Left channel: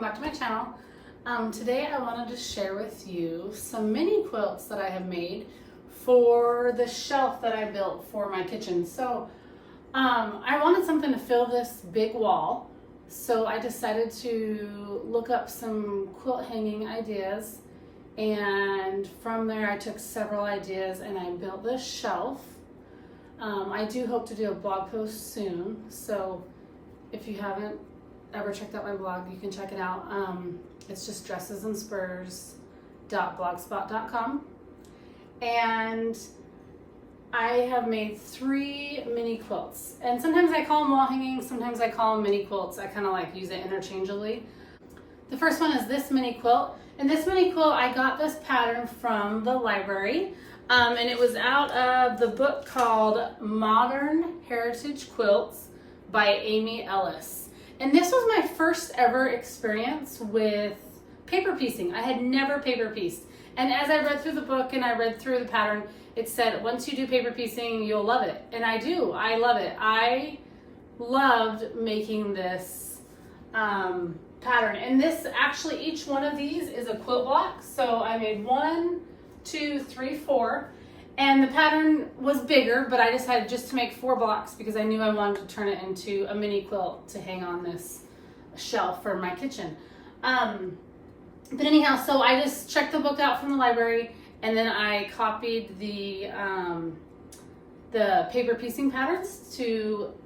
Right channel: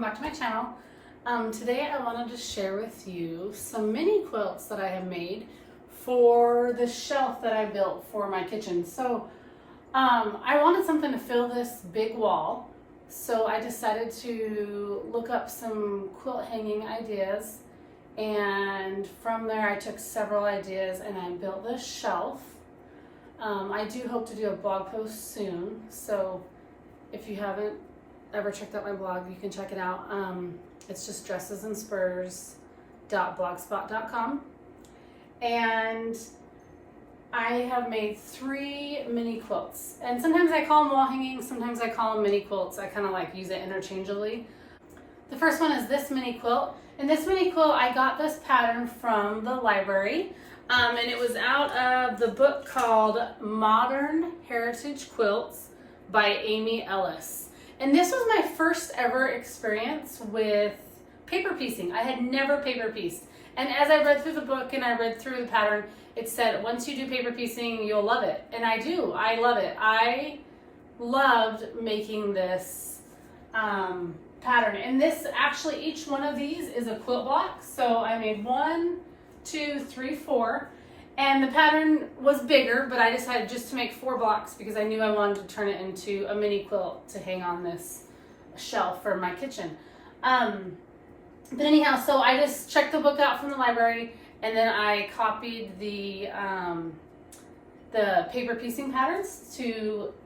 welcome back to my channel. Today I wanted to share with you some mini quilts that I have made for the shelf that I built for my kitchen. So I wanted something to fill this big wall, so I decided to look up some quilt hanging ideas, and from there I took several ideas and I built this shelf. I do hope to do a blog post soon, so if you haven't ever checked out my blog, you can check it out. It's just dressesandspurs.blogspot.com, and I have made 3 mini quilts, and sometimes I call them wall hanging, sometimes I call them mini quilts. I kind of like use it interchangeably. The first one is this mini quilt, and this mini quilt, I got this pattern from the library, and it was out of the book called Modern Heritage Quilts by Amy Ellis. And this was my first ever experience with paper piecing. I had never paper pieced. And as I read through the book and I read through the pattern, it said, once you do paper piecing, you'll love it. And I do, I love it. I loved making this pattern. And this, actually, each one of these is a quilt block. So I made 1, 2, 3, 4. And the pattern was bigger, but I decided just to make 4 blocks because I knew I wanted to turn it into a mini quilt to hang on this shelf for my kitchen. But anyhow, so I just checked the book out from the library, and then I copied the paper piecing patterns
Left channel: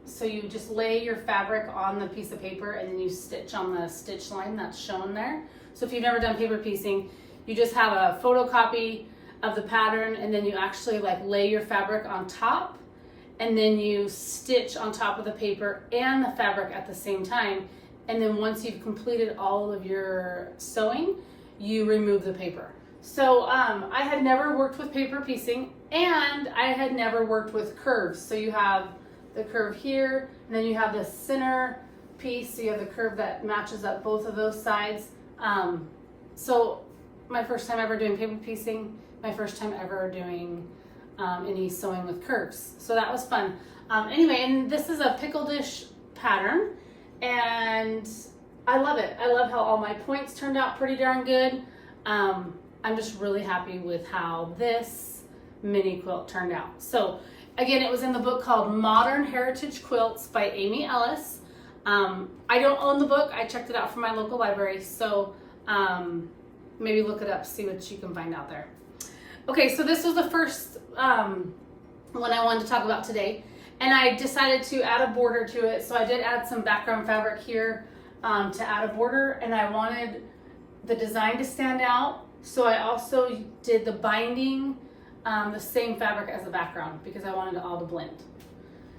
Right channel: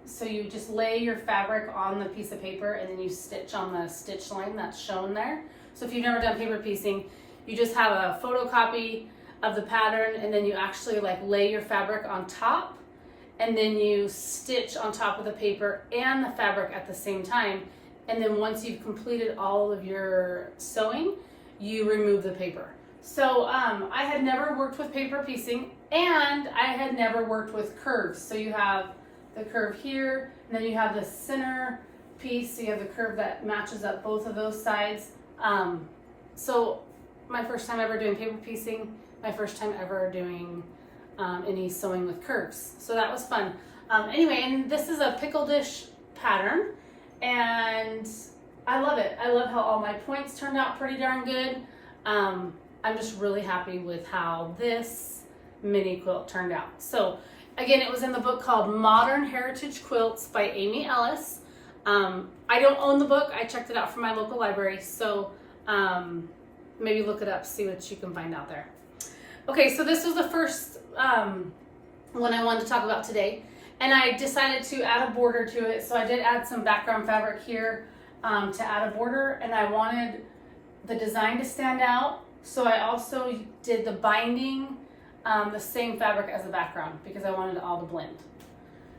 so you just lay your fabric on the piece of paper and then you stitch on the stitch line that's shown there. So if you've never done paper piecing, you just have a photocopy of the pattern, and then you actually like lay your fabric on top, and then you stitch on top of the paper and the fabric at the same time. And then once you've completed all of your sewing, you remove the paper. So I had never worked with paper piecing, and I had never worked with curves. So you have the curve here, and then you have the center piece, so you have the curve that matches up both of those sides. So my first time ever doing paper piecing, my first time ever doing any sewing with curves. So that was fun. Anyway, and this is a pickle dish pattern, and I love it. I love how all my points turned out pretty darn good. I'm just really happy with how this mini quilt turned out. So again, it was in the book called Modern Heritage Quilts by Amy Ellis. I don't own the book. I checked it out from my local library. So maybe look it up, see what you can find out there. Okay, so this was the first one I wanted to talk about today, and I decided to add a border to it. So I did add some background fabric here to add a border, and I wanted the design to stand out. So I also did the binding the same fabric as the background because I wanted it all to blend.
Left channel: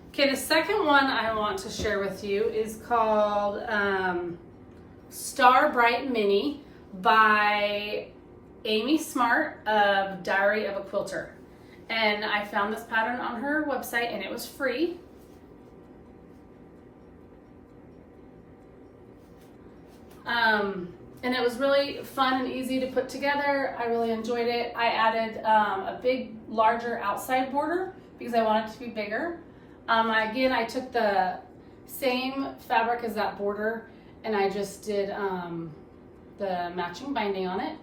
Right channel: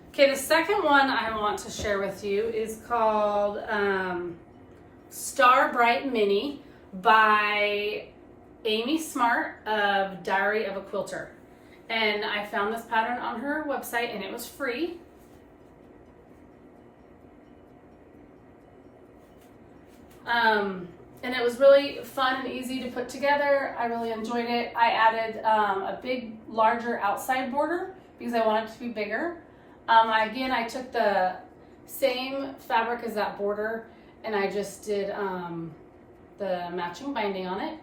Okay, the second one I want to share with you is called Star Bright Mini by Amy Smart of Diary of a Quilter. And I found this pattern on her website, and it was free. And it was really fun and easy to put together. I really enjoyed it. I added a big, larger outside border because I wanted it to be bigger. Again, I took the same fabric as that border, and I just did the matching binding on it.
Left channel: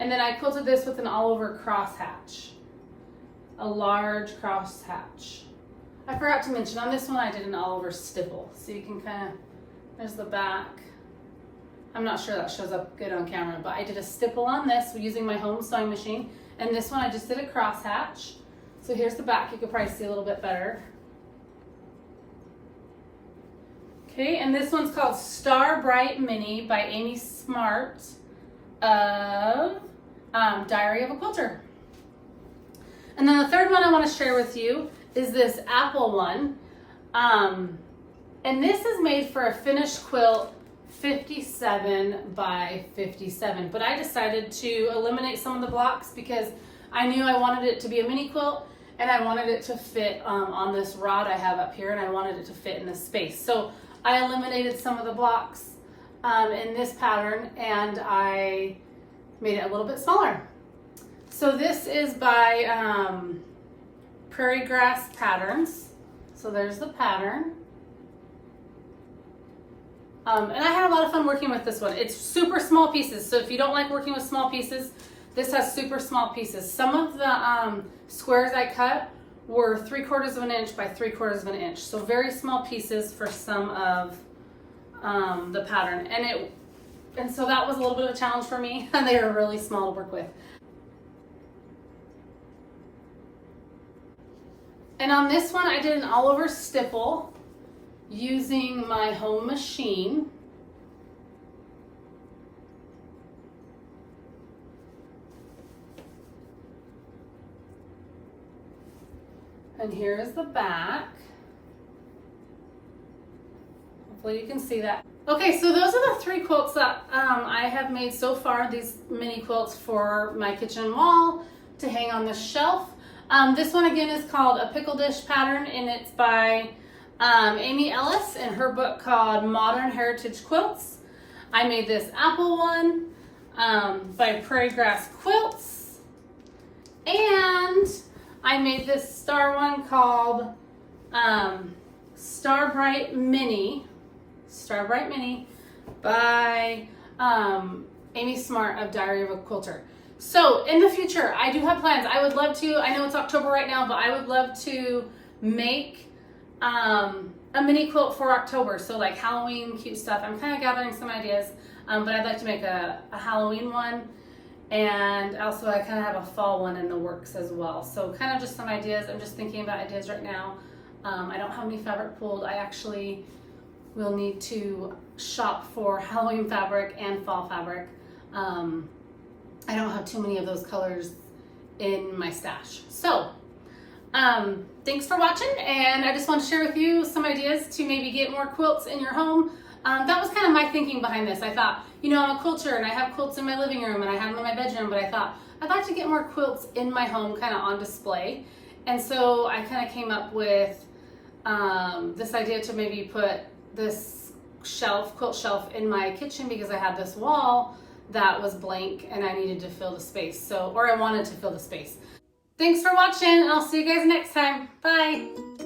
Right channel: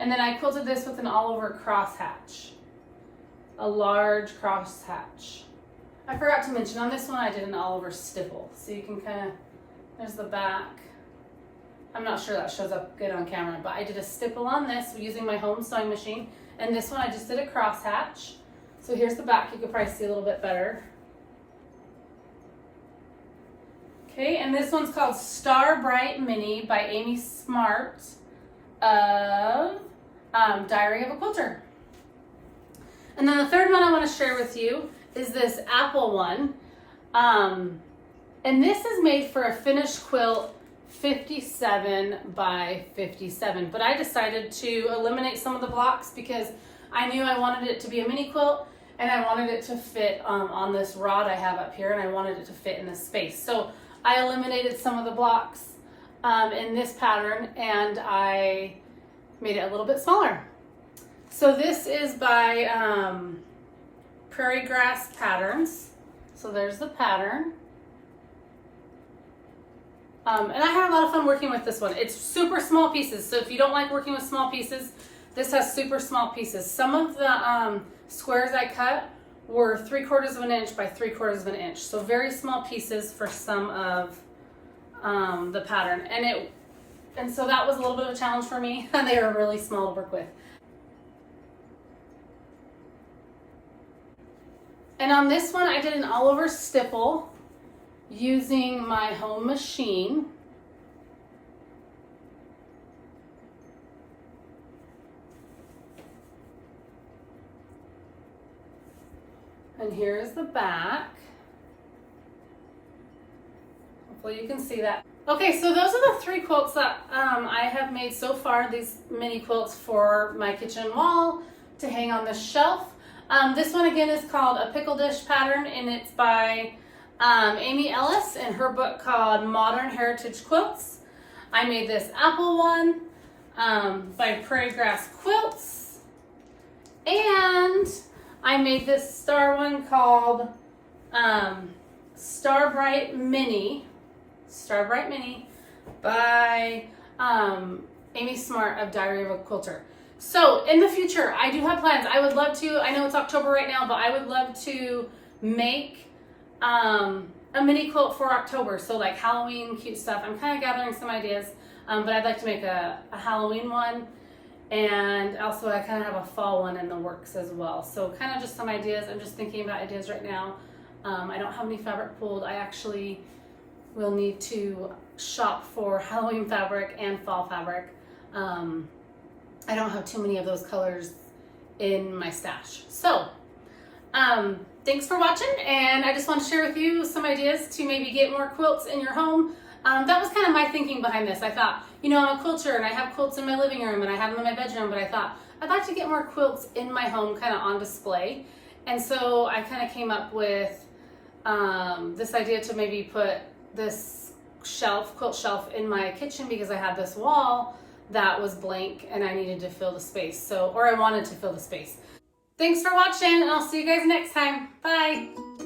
And then I quilted this with an all-over crosshatch, a large crosshatch. I forgot to mention, on this one I did an all-over stipple. So you can kind of, there's the back. I'm not sure that shows up good on camera, but I did a stipple on this using my home sewing machine. And this one I just did a crosshatch. So here's the back, you could probably see a little bit better. Okay, and this one's called Star Bright Mini by Amy Smart of Diary of a Quilter. And then the third one I want to share with you is this apple one. And this is made for a finished quilt 57 by 57. But I decided to eliminate some of the blocks because I knew I wanted it to be a mini quilt, and I wanted it to fit on this rod I have up here, and I wanted it to fit in this space. So I eliminated some of the blocks in this pattern, and I made it a little bit smaller. So this is by Prairie Grass Patterns. So there's the pattern. And I had a lot of fun working with this one. It's super small pieces, so if you don't like working with small pieces, this has super small pieces. Some of the squares I cut were 3/4 of an inch by 3/4 of an inch. So very small pieces for some of the pattern. And so that was a little bit of a challenge for me, and they were really small to work with. And on this one, I did an all over stipple using my home machine. And here is the back. Hopefully you can see that. Okay, so those are the 3 quilts that I have made so far, these mini quilts for my kitchen wall to hang on the shelf. This one again is called a pickle dish pattern, and it's by Amy Ellis in her book called Modern Heritage Quilts. I made this apple one by Prairie Grass Quilts, and I made this star one called Starbright Mini by Amy Smart of Diary of a Quilter. So in the future, I do have plans. I would love to, I know it's October right now, but I would love to make a mini quilt for October. So like Halloween cute stuff. I'm kind of gathering some ideas, but I'd like to make a Halloween one. And also I kind of have a fall one in the works as well. So kind of just some ideas. I'm just thinking about ideas right now. I don't have any fabric pulled. I actually will need to shop for Halloween fabric and fall fabric. I don't have too many of those colors in my stash. So thanks for watching, and I just want to share with you some ideas to maybe get more quilts in your home. That was kind of my thinking behind this. I thought, you know, I'm a quilter and I have quilts in my living room and I have them in my bedroom, but I thought I'd like to get more quilts in my home kind of on display. And so I kind of came up with this idea to maybe put this quilt shelf in my kitchen, because I had this wall that was blank and I needed to fill the space. Or I wanted to fill the space. Thanks for watching, and I'll see you guys next time. Bye.